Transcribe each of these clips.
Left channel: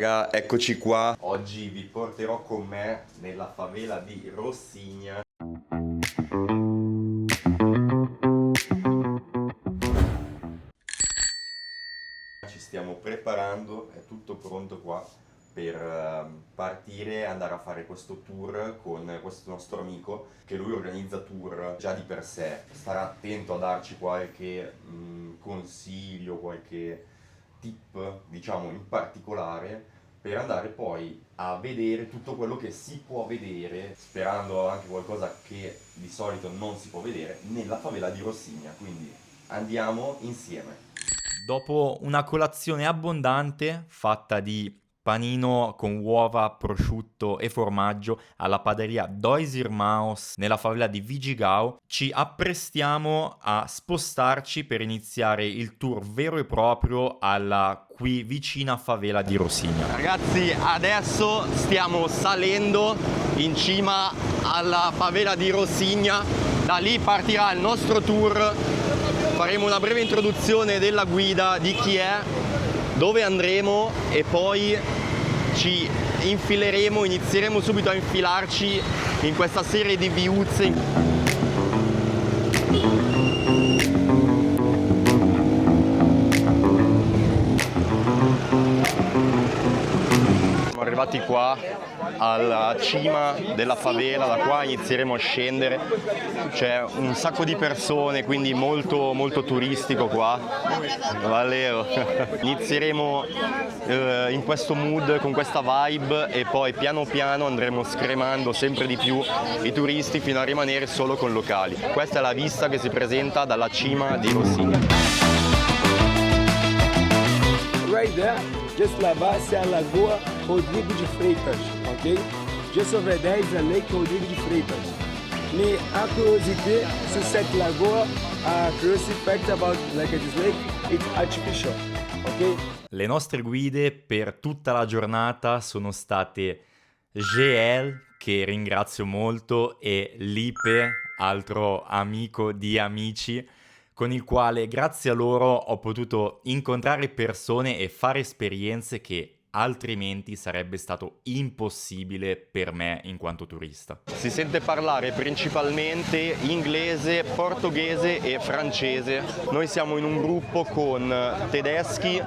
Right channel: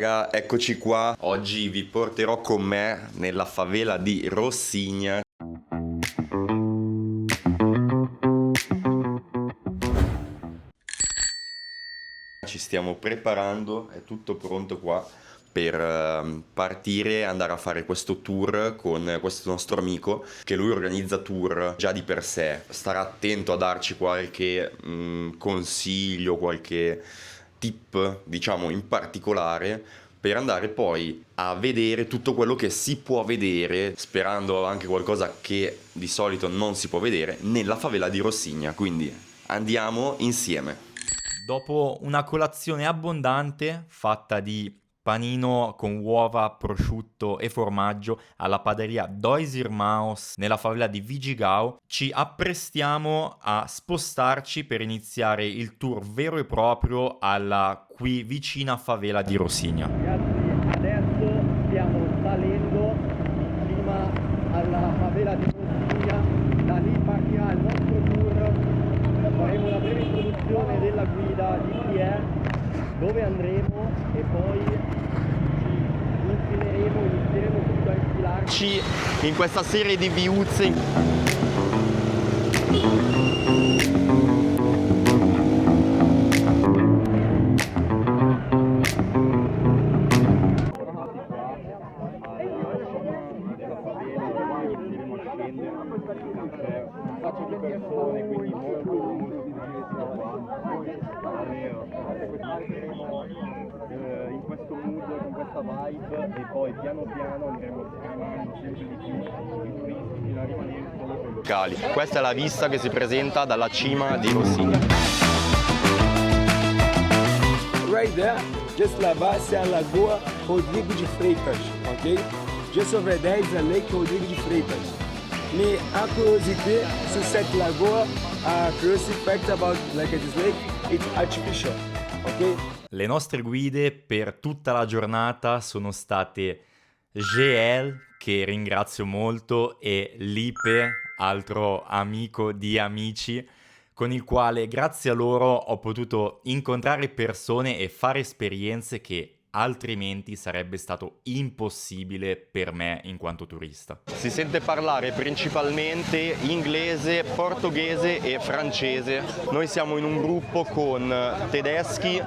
Raga, eccoci qua. Oggi vi porterò con me nella favela di Rossigna. Ci stiamo preparando, è tutto pronto qua per partire e andare a fare questo tour con questo nostro amico, che lui organizza tour già di per sé. Starà attento a darci qualche consiglio, qualche tip, diciamo, in particolare per andare poi a vedere tutto quello che si può vedere, sperando anche qualcosa che di solito non si può vedere, nella favela di Rossigna. Quindi andiamo insieme. Dopo una colazione abbondante fatta di panino con uova, prosciutto e formaggio alla paderia Dois Irmãos nella favela di Vigigao, ci apprestiamo a spostarci per iniziare il tour vero e proprio alla qui vicina favela di Rossigna. Ragazzi, adesso stiamo salendo in cima alla favela di Rossigna. Da lì partirà il nostro tour. Faremo una breve introduzione della guida, di chi è, dove andremo e poi ci infileremo, inizieremo subito a infilarci in questa serie di viuzze. Siamo arrivati qua alla cima della favela, da qua inizieremo a scendere. C'è un sacco di persone, quindi molto molto turistico qua. Valeo. Inizieremo in questo mood, con questa vibe, e poi piano piano andremo scremando sempre di più i turisti fino a rimanere solo con locali. Questa è la vista che si presenta dalla cima di Rossigna. Right there, just là-bas, c'est a Lagoa Rodrigo de Freitas, ok? Juste over there is a Lake Rodrigo de Freitas. Mais a curiosité sur cette lagoa, a curiosity fact about like this lake, it's artificial, ok? Le nostre guide per tutta la giornata sono state GL, che ringrazio molto, e Lipe, altro amico di amici, con il quale grazie a loro ho potuto incontrare persone e fare esperienze che altrimenti sarebbe stato impossibile per me in quanto turista. Si sente parlare principalmente inglese, portoghese e francese. Noi siamo in un gruppo con tedeschi,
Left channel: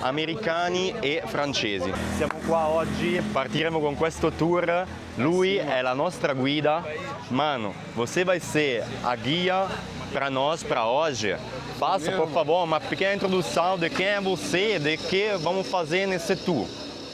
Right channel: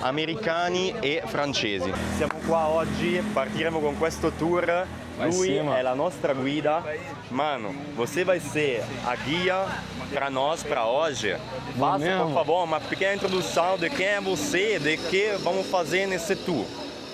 americani e francesi. Siamo qua oggi, partiremo con questo tour. Lui è la nostra guida. Mano, você vai ser a guia para nós para hoje. Faça, por favor, uma pequena introdução de quem é você, de que vamos fazer nesse tour.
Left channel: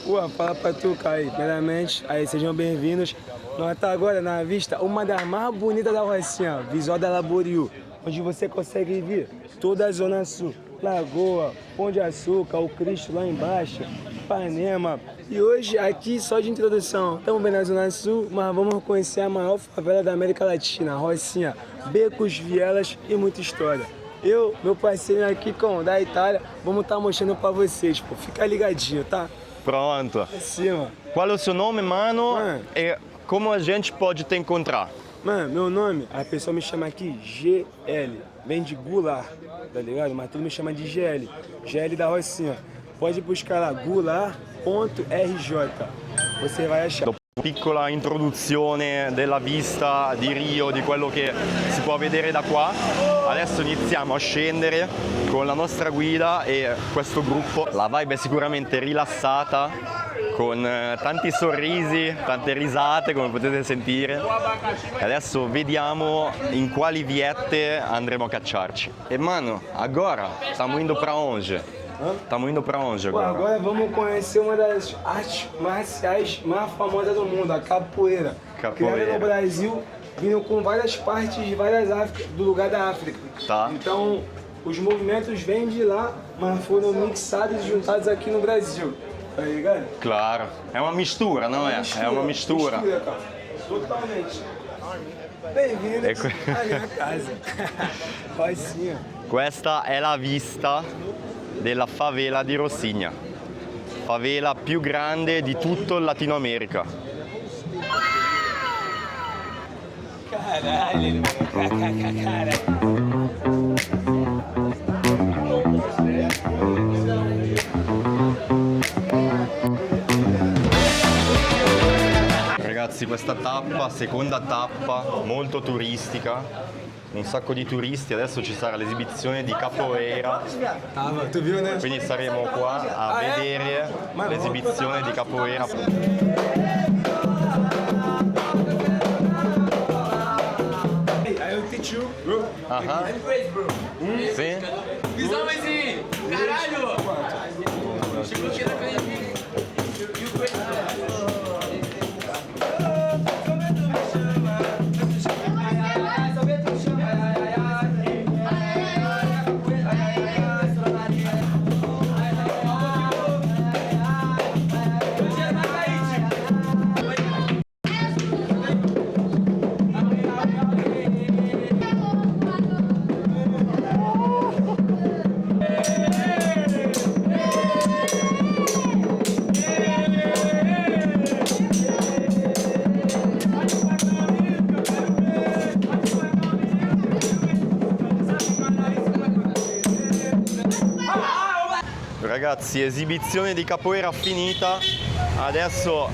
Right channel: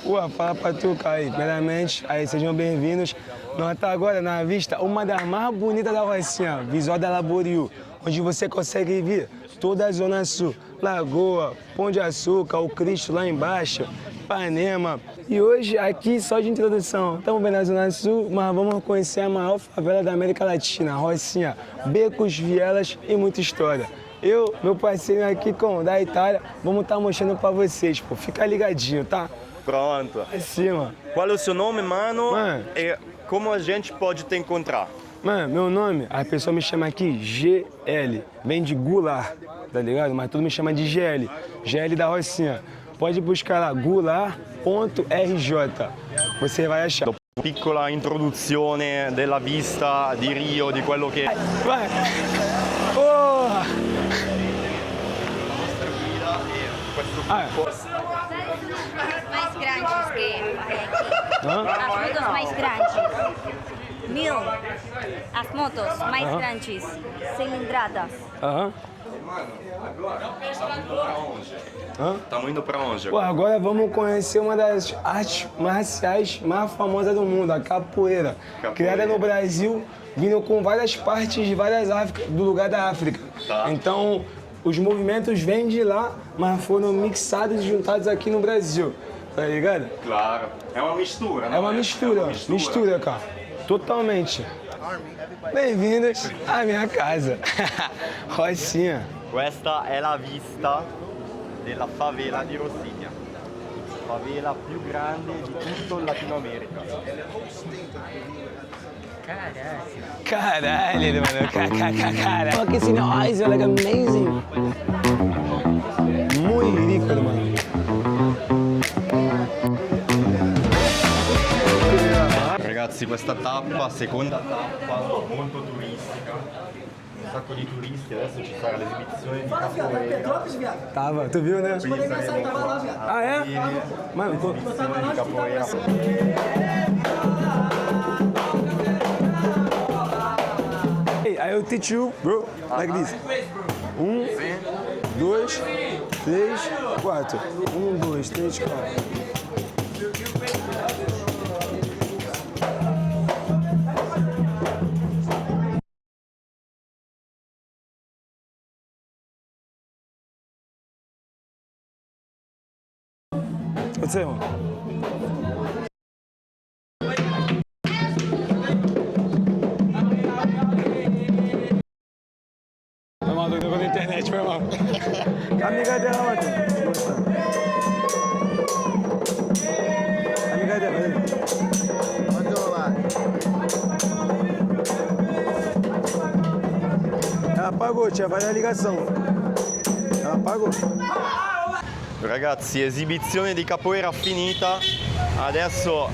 Ué, fala pra tu, Caio. Primeiramente, aí sejam bem-vindos. Nós estamos agora na vista, uma das mais bonitas da Rocinha, Visual da Laboriú, onde você consegue ver toda a Zona Sul, Lagoa, Pão de Açúcar, o Cristo lá embaixo, Ipanema. E hoje, aqui, só de introdução, estamos bem na Zona Sul, mas vamos conhecer a maior favela da América Latina, Rocinha, becos, vielas e muita história. Eu, meu parceiro aqui da Itália, vamos estar mostrando pra vocês, pô. Fica ligadinho, tá? Pronto. Acima. Qual é o seu nome, mano? Mano. E como a gente pode te encontrar? Mano, meu nome, a pessoa me chama aqui GL, vem de Goulart, tá ligado? Mas todo me chama de GL, GL da Rocinha. Pode buscar lá, goulart.rj, você vai achar. Piccola introduzione della vista di Rio, di quello che si può vedere da qua. Adesso iniziamo a scendere con la nostra guida e questo gruppo. La vibe è sicuramente rilassata, con tanti sorrisi, tante risate, come potete sentire. E adesso vediamo in quali viette andremo a cacciarci. E mano, agora stiamo indo pra onde? Estamos indo pra onde Pô, agora? agora vamos conhecer uma das artes marciais mais famosas do mundo, a capoeira. Capoeira. Criada no Brasil, vindo com várias partes de várias do lugar da África. Tá. Então, os movimentos vêm de lá, mas foram mixados e juntados aqui no Brasil. Tá ligado? Claro. É uma mistura, não é? É uma mistura. É uma mistura. Mistura, cara. Totalmente. Bem-vindos à minha casa. Rocinha. Questa è la vista della favela di Rossigna, favela più grande di tutto il Latino America. Caralho, mano. Caralho. Fucking see the eyes are like amazing. Muy rico, mano. ragazzi, questa tappa, seconda tappa, molto turistica, un sacco di turisti, adesso ci sarà l'esibizione di capoeira, Tava, tu viu, né? quindi saremo qua a vedere l'esibizione di capoeira. Hey, I'll teach you, bro, like this. Sì. 2, 3, 4. 1, 2, 3, 4. Apagou, tinha mais a ligação. Apagou. Ragazzi, esibizione di capoeira finita, adesso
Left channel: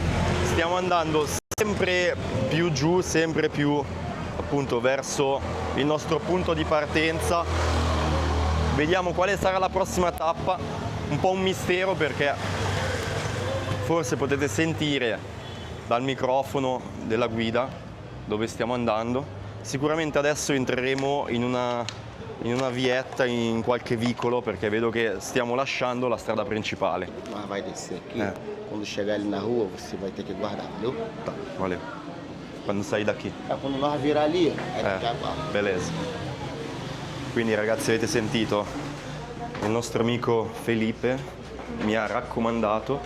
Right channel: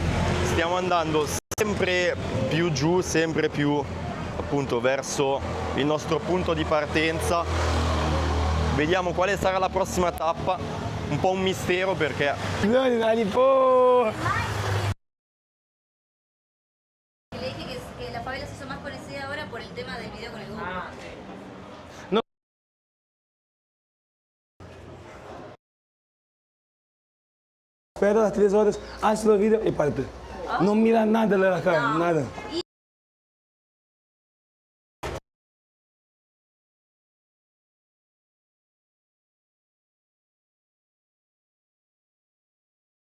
stiamo andando sempre più giù, sempre più appunto verso il nostro punto di partenza. Vediamo quale sarà la prossima tappa, un po' un mistero perché forse potete sentire dal microfono della guida dove stiamo andando. Sicuramente adesso entreremo in una vietta, in qualche vicolo, perché vedo che stiamo lasciando la strada principale. Mas vai descer. Espera 3 horas, chegar a ali sua na vida rua, e você parte. vai ter que guardar. Não mira nada lá, cara, nada. Quando sai da chi? Quando nós virar ali, aí vai lá. Beleza. Quindi ragazzi, avete sentito? Il nostro amico Felipe mi ha raccomandato,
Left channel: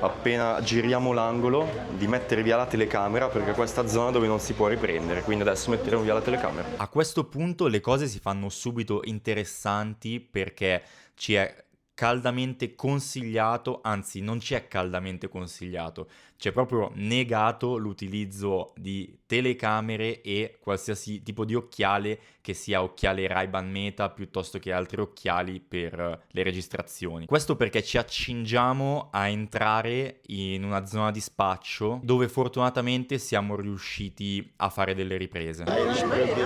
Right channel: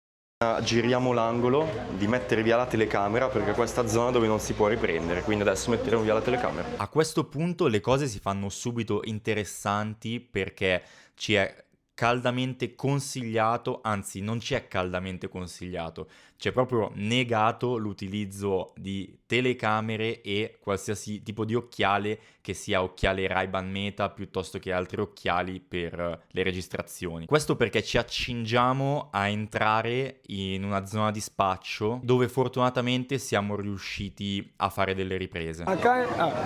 appena giriamo l'angolo, di mettere via la telecamera, perché questa è zona dove non si può riprendere, quindi adesso metteremo via la telecamera. A questo punto le cose si fanno subito interessanti perché ci è caldamente consigliato, anzi non ci è caldamente consigliato, c'è proprio negato l'utilizzo di telecamere e qualsiasi tipo di occhiale, che sia occhiale Ray-Ban Meta piuttosto che altri occhiali per le registrazioni. Questo perché ci accingiamo a entrare in una zona di spaccio dove fortunatamente siamo riusciti a fare delle riprese.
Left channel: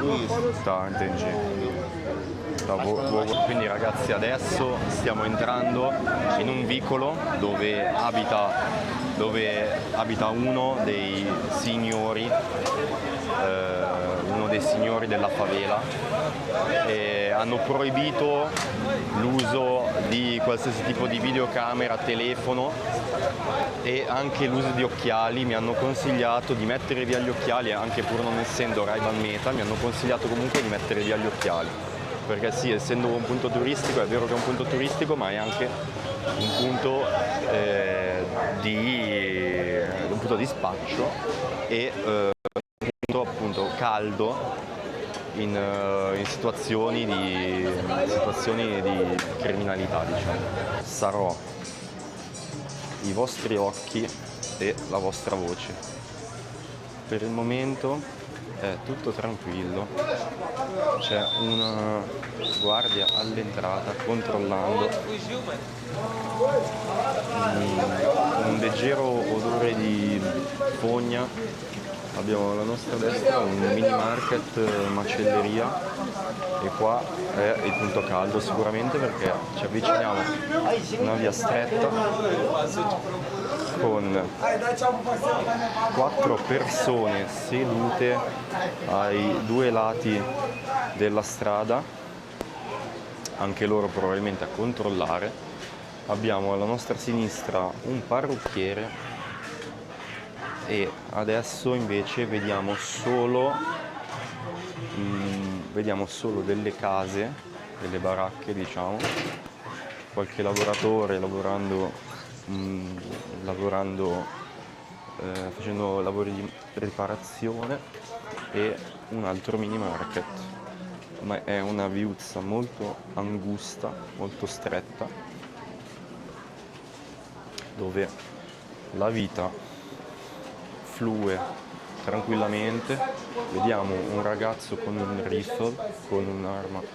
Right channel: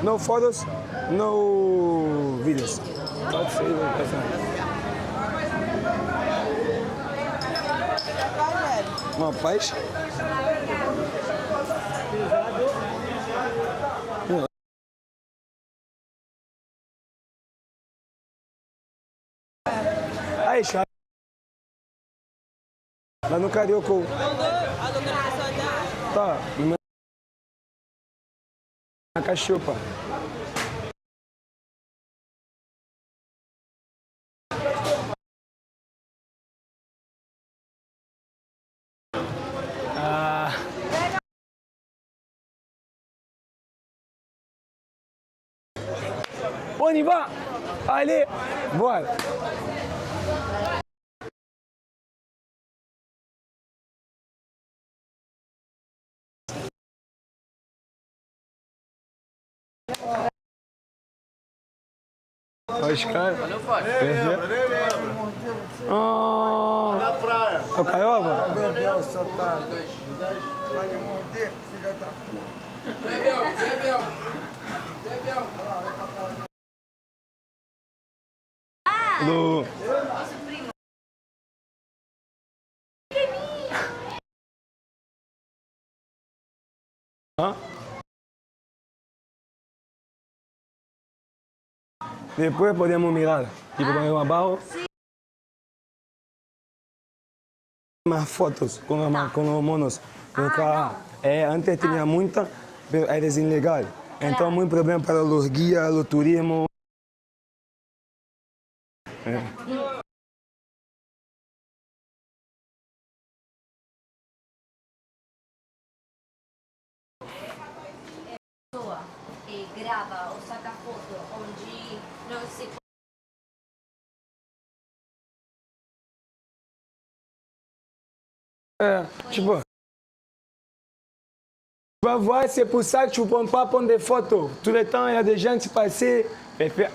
No fotos, entendi. no vídeos. Quindi ragazzi, adesso stiamo entrando in un vicolo dove abita uno dei signori della favela, e hanno proibito l'uso di qualsiasi tipo di videocamera, telefono Mas no carioca, e anche l'uso di occhiali. Mi hanno consigliato di mettere via gli occhiali, anche pur non essendo Ray-Ban Meta, mi hanno consigliato comunque di mettere via gli occhiali, perché sì, essendo un punto turistico, è vero che è un punto turistico, ma è anche un punto di spaccio e un punto appunto caldo in situazioni di criminalità, diciamo. Sarò i vostri occhi e la vostra voce. Per il momento è tutto tranquillo, c'è una guardia controllando, un leggero odore di fogna. Abbiamo alla nostra destra un mini market, macelleria, e qua è il punto caldo sicuramente, perché ci avviciniamo a una via stretta con 4 persone sedute ai 2 lati della strada, depois podemos mirar. anche loro probabilmente a controllare. Abbiamo alla nostra sinistra un Mas fotos parrucchiere com monos. e adesso Antes tinha invece muita, vediamo eles solo ilegal. Então muito problema para os guias, vediamo o solo turismo. delle case, delle baracche, diciamo, qualche lavoratore facendo lavori di riparazione e un altro mini market, ma è una viuzza molto angusta, molto stretta, dove la vita flue Tu vas voir, c'est pour ça que tu ne prends pas prendre des Vediamo un photos. ragazzo Tout le con temps, un il y a des gens briffle, qui passent. con un'arma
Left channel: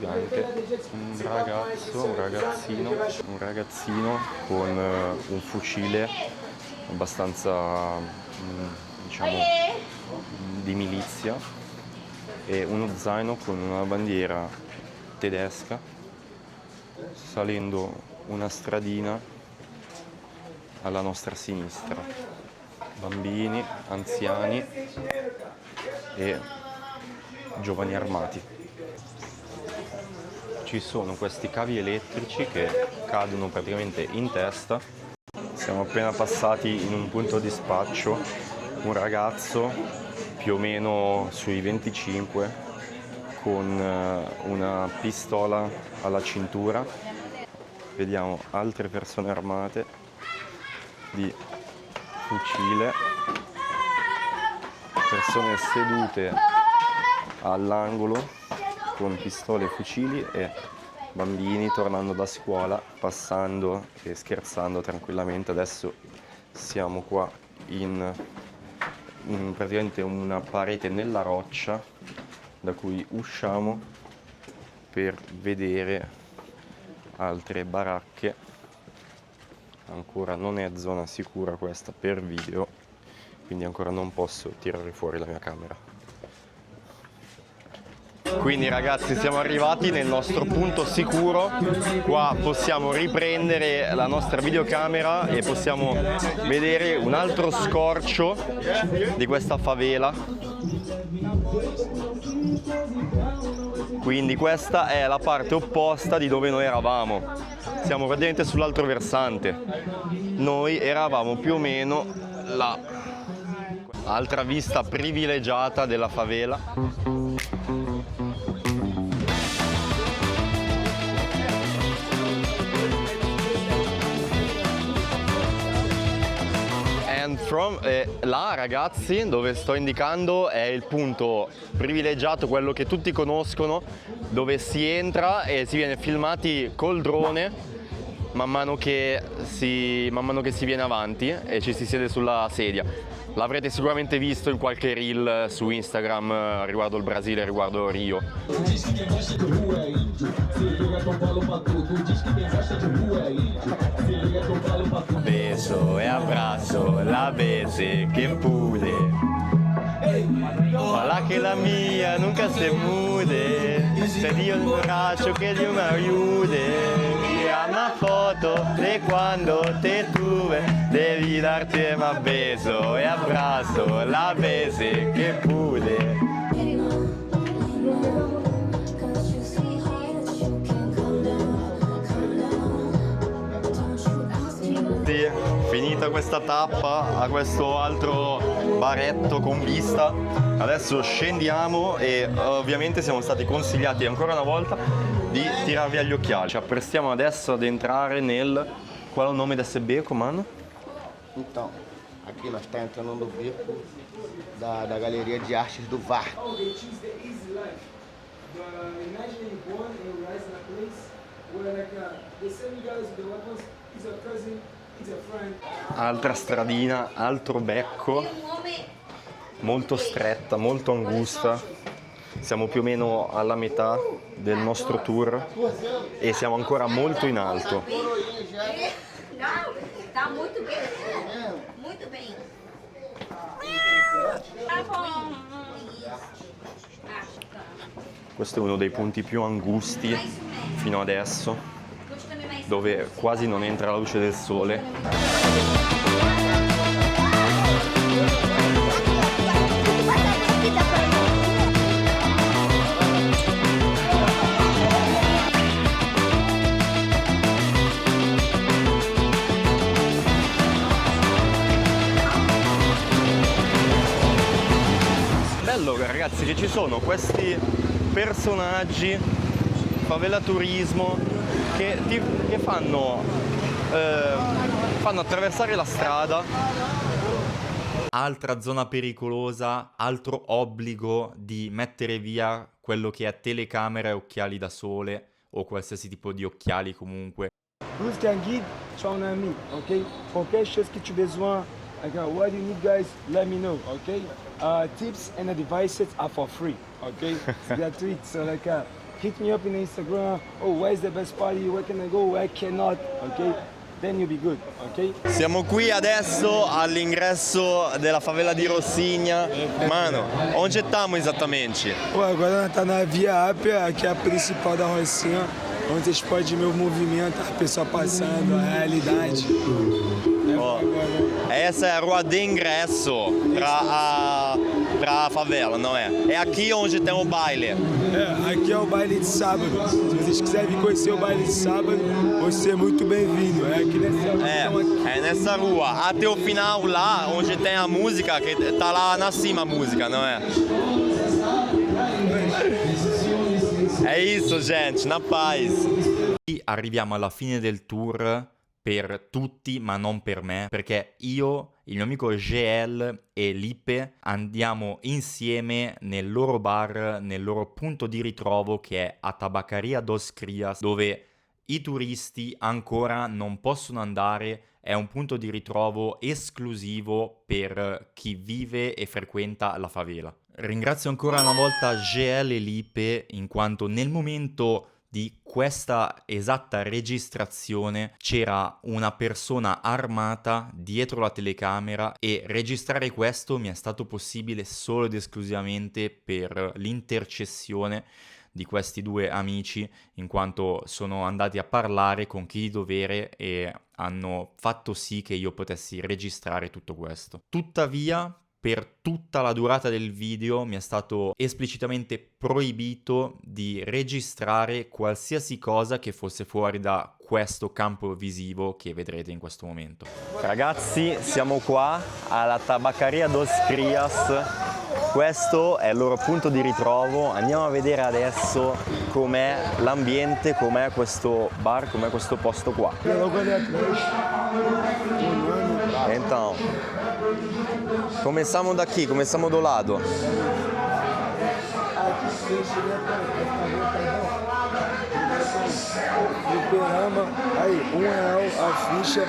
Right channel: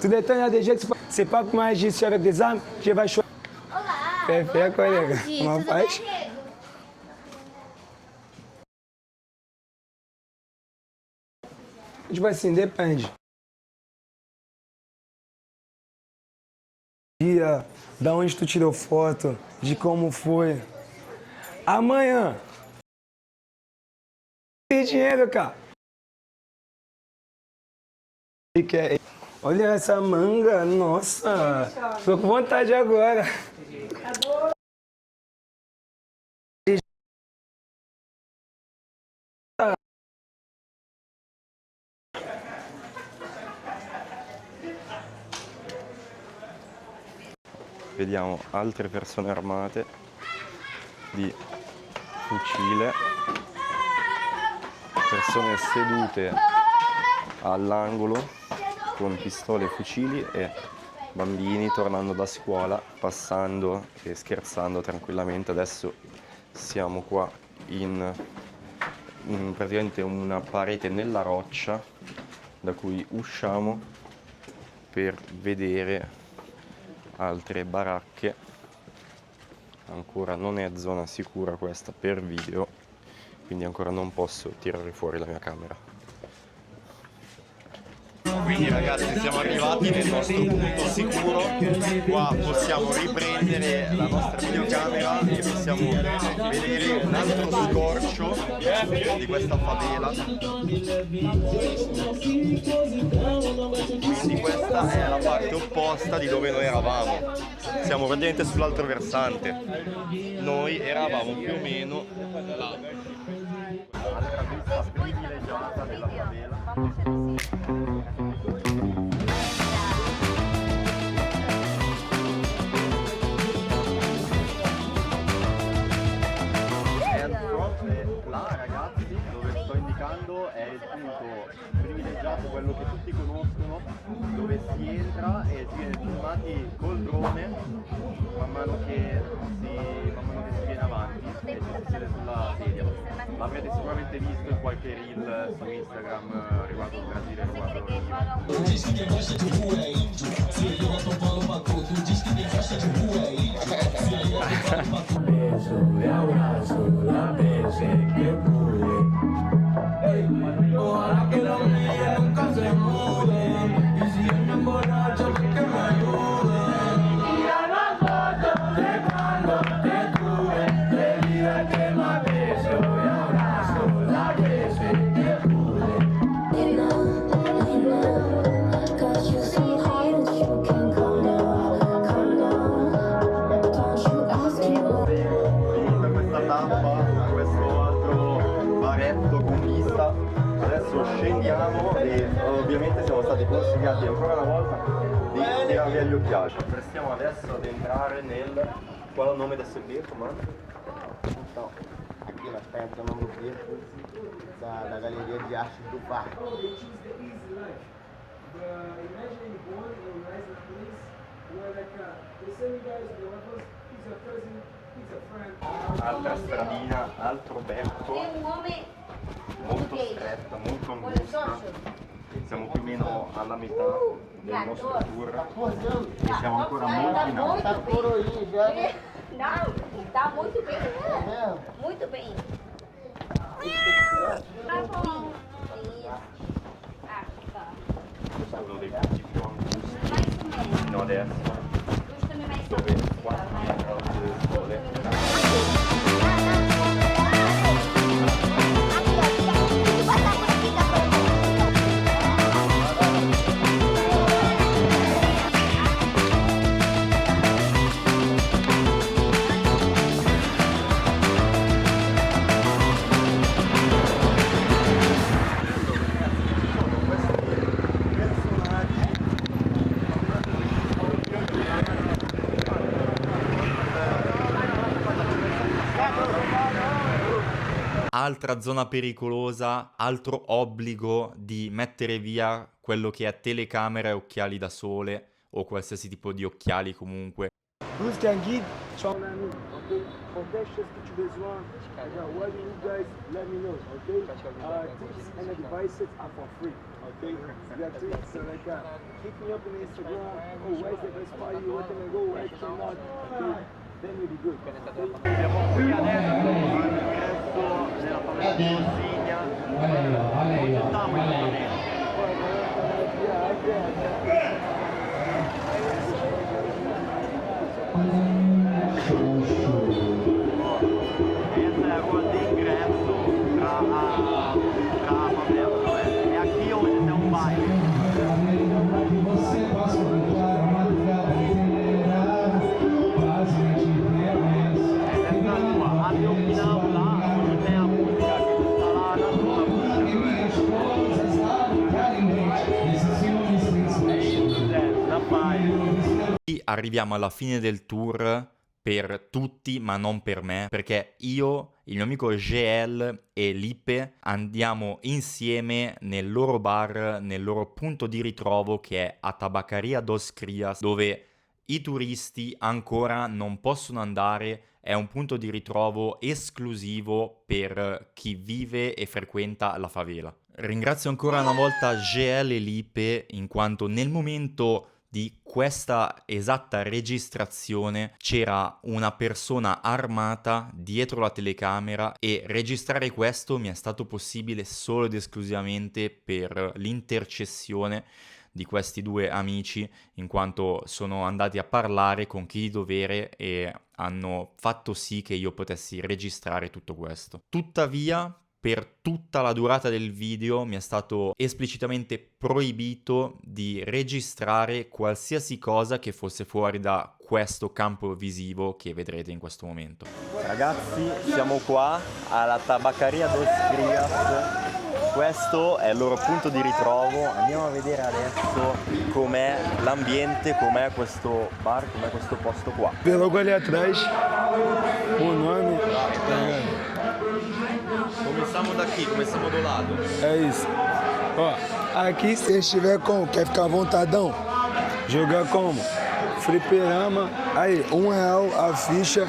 Tout le temps, il y a des gens qui passent. C'est pas pour agir sur avec des armes, je vais choisir. un ragazzino Perfetto, con collega. un Ma fucile abbastanza diciamo, di milizia Tipo assim, e uno depende. zaino con una bandiera tedesca Dia, salendo da onde tu una tirou stradina foto, de como foi. alla nostra sinistra. Amanhã, Bambini, anziani tem dinheiro, cara. e giovani armati. E quer... Olha essa manga, Ci sono questi nossa. cavi Tô elettrici com vontade che agora. cadono praticamente in testa. Siamo appena passati in un punto di spaccio, un ragazzo più o meno sui 25 con una pistola alla cintura. Vediamo altre persone armate di fucile, persone sedute all'angolo con pistole e fucili e bambini tornando da scuola, passando e scherzando tranquillamente. Adesso siamo qua in praticamente una parete nella roccia da cui usciamo per vedere altre baracche. Ancora non è zona sicura questa per video, quindi ancora non posso tirare fuori la mia camera. Quindi ragazzi siamo arrivati nel nostro punto sicuro, qua possiamo riprendere la nostra videocamera e possiamo vedere un altro scorcio di questa favela. Quindi questa è la parte opposta di dove noi eravamo, siamo praticamente sull'altro versante, noi eravamo più o meno là. Altra vista privilegiata della favela. Là ragazzi, dove sto indicando è il punto privilegiato, quello che tutti conoscono, dove si entra e si viene filmati col drone man mano che si viene avanti e ci si siede sulla sedia. L'avrete sicuramente visto in qualche reel su Instagram riguardo il Brasile, riguardo Rio. Beso e abbraccio la base che pure. Ojalá que la mía nunca se mude. Sería un borracho que Dios me ayude. Mira una foto de cuando te tuve. Devi darte más beso e abbraccio la base che pure. Finita questa tappa a questo altro baretto con vista, adesso scendiamo e ovviamente siamo stati consigliati ancora una volta di tirar via gli occhiali. Ci apprestiamo adesso ad entrare nel... Qual è il nome desse beco, mano? Então, aqui nós estamos entrando no beco da Galeria de Artes do Varco. Altra stradina, altro becco, molto stretta, molto angusta. Siamo più o meno alla metà del nostro tour e siamo ancora molto in alto. Não, tá muito bem. Muito bem. Tá bom. Questo è uno dei punti più angusti fino adesso, dove quasi non entra la luce del sole. Bello ragazzi che ci sono questi personaggi, favela turismo, che fanno attraversare la strada. Altra zona pericolosa, altro obbligo di mettere via quello che è telecamera e occhiali da sole o qualsiasi tipo di occhiali comunque. Luz que é guide, chama na mim, ok? Qualquer coisa que tiver zoando, what you need guys, let me know, ok? Tips and the devices are for free, ok? It's gratuito, so like hit me up in Instagram, oh where's the best party, where can I go, where cannot, ok? then you'll be good, okay? Siamo qui adesso all'ingresso della favela di Rossigna. Mano, onde estamos exatamente? Pô, agora tá na Via Ápia, aqui é a principal da Rocinha, onde vocês podem ver o movimento, a pessoa passando, a realidade. Essa é a rua de ingresso pra favela, não é? É aqui onde tem o baile. É, aqui é o baile de sábado. Se vocês quiserem vir conhecer o baile de sábado, vão ser muito bem-vindos. É aqui É nessa rua, até o final lá, onde tem a música, que tá lá na cima a música, não é? É isso, gente, na paz. Qui arriviamo alla fine del tour per tutti, ma non per me, perché io, il mio amico GL e Lipe andiamo insieme nel loro bar, nel loro punto di ritrovo che è a Tabacaria dos Crias, dove i turisti ancora non possono andare. È un punto di ritrovo esclusivo per chi vive e frequenta la favela. Ringrazio ancora una volta GL e Lipe in quanto nel momento di questa esatta registrazione c'era una persona armata dietro la telecamera e registrare questo mi è stato possibile solo ed esclusivamente per l'intercessione di questi due amici, in quanto sono andati a parlare con chi di dovere e hanno fatto sì che io potessi registrare tutto questo. Tuttavia, per tutta la durata del video mi è stato esplicitamente proibito di registrare qualsiasi cosa che fosse fuori da questo campo visivo che vedrete in questo momento. Ragazzi, siamo qua alla Tabacaria dos Crias. Questo è il loro punto di ritrovo. Andiamo a vedere adesso com'è l'ambiente, com'è questo bar, com'è questo posto qua. logo ali atrás, o nome. Então, começamos daqui, começamos do lado. É isso. Ó, aqui se estiver como? Quer ficar vontadão? Jogar como? Fliperama. Aí, R$1 a ficha.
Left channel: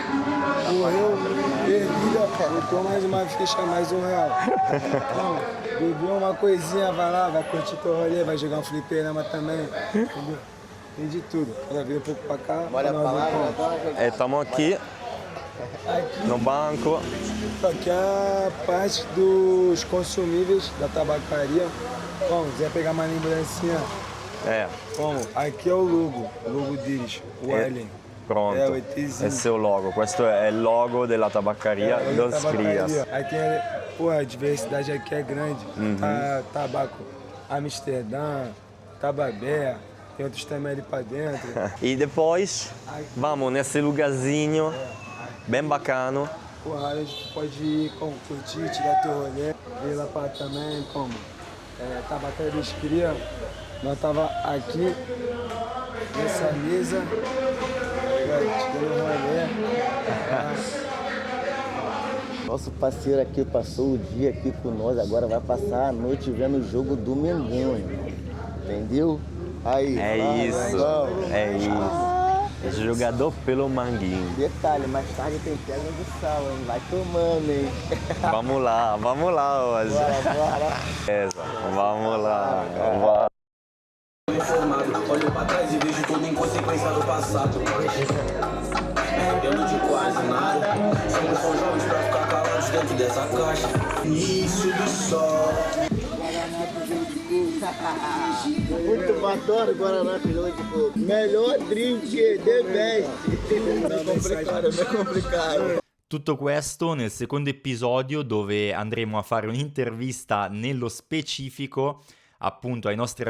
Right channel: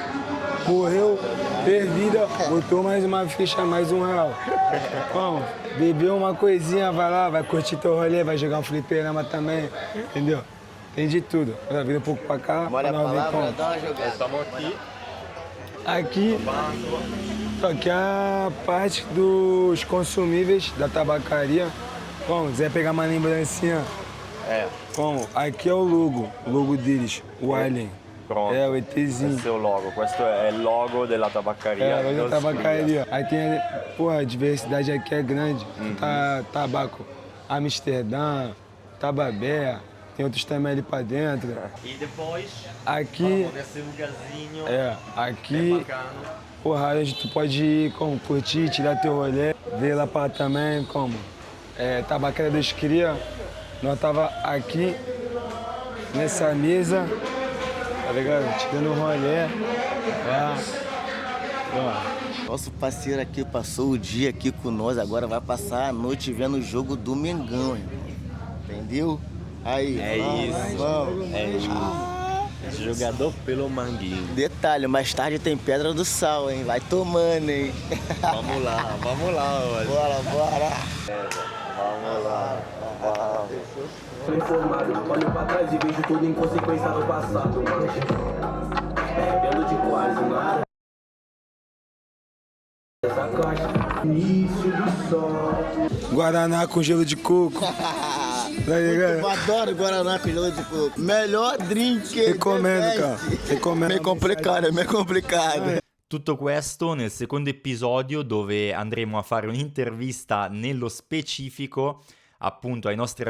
Morreu, perdida, botou mais uma ficha, mais R$1. Bom, bebeu uma coisinha, vai lá, vai curtir teu rolê, vai jogar um fliperama também, entendeu? Tem de tudo. Vira um pouco pra cá, pra não ver como. Estamos aqui Aqui, no banco. aqui é a parte dos consumíveis da tabacaria. Bom, quiser pegar uma lembrancinha, bom, aqui é o logo deles, o Alien. Pronto, É, o ETzinho. esse é o logo. Questo è il logo della Tabacaria dos Crias. Aqui, pô, a diversidade aqui é grande. Tá tabaco Amsterdã, Tababé, tem outros também ali pra dentro. E depois, Aqui, vamos nesse lugarzinho aqui, bem bacano. porra, onde tu pode ir, como, curtir, tirar teu rolê, ver lá pra também, como, Tabacaria dos Cria. Nós tava aqui, nessa mesa, tá ligado? Tirando um rolê. Nosso parceiro aqui passou o dia aqui com nós, agora vai passar a noite vendo o jogo do Mengão, irmão. Entendeu? Aí, Jogador pelo Manguinho. Detalhe, mais tarde tem Pedra do Sal, hein? Vai tomando, hein? Vamos lá hoje. Bora. Vamos lá. Tô informado, olho pra trás e vejo tudo em consequência do passado. Arrependo de quase nada. Somos só jovens pra ficar calados dentro dessa caixa. Início do sol. Guaraná com gelo de coco. Tá ligado? Eu adoro Guaraná com gelo de coco. Melhor drink. Recomendo, cara. Recomendo. É meio complicado. Tutto questo nel secondo episodio dove andremo a fare un'intervista nello specifico appunto ai nostri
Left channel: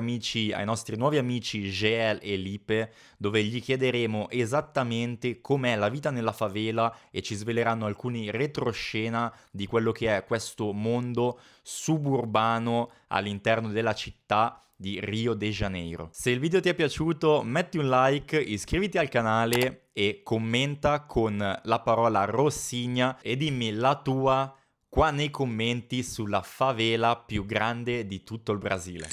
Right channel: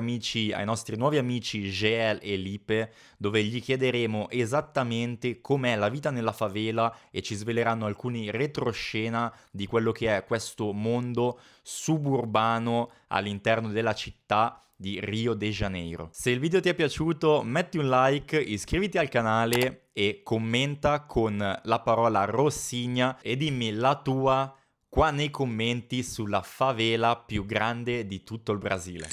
nuovi amici GL e Lipe, dove gli chiederemo esattamente com'è la vita nella favela e ci sveleranno alcuni retroscena di quello che è questo mondo suburbano all'interno della città di Rio de Janeiro. Se il video ti è piaciuto, metti un like, iscriviti al canale e commenta con la parola Rossigna e dimmi la tua qua nei commenti sulla favela più grande di tutto il Brasile.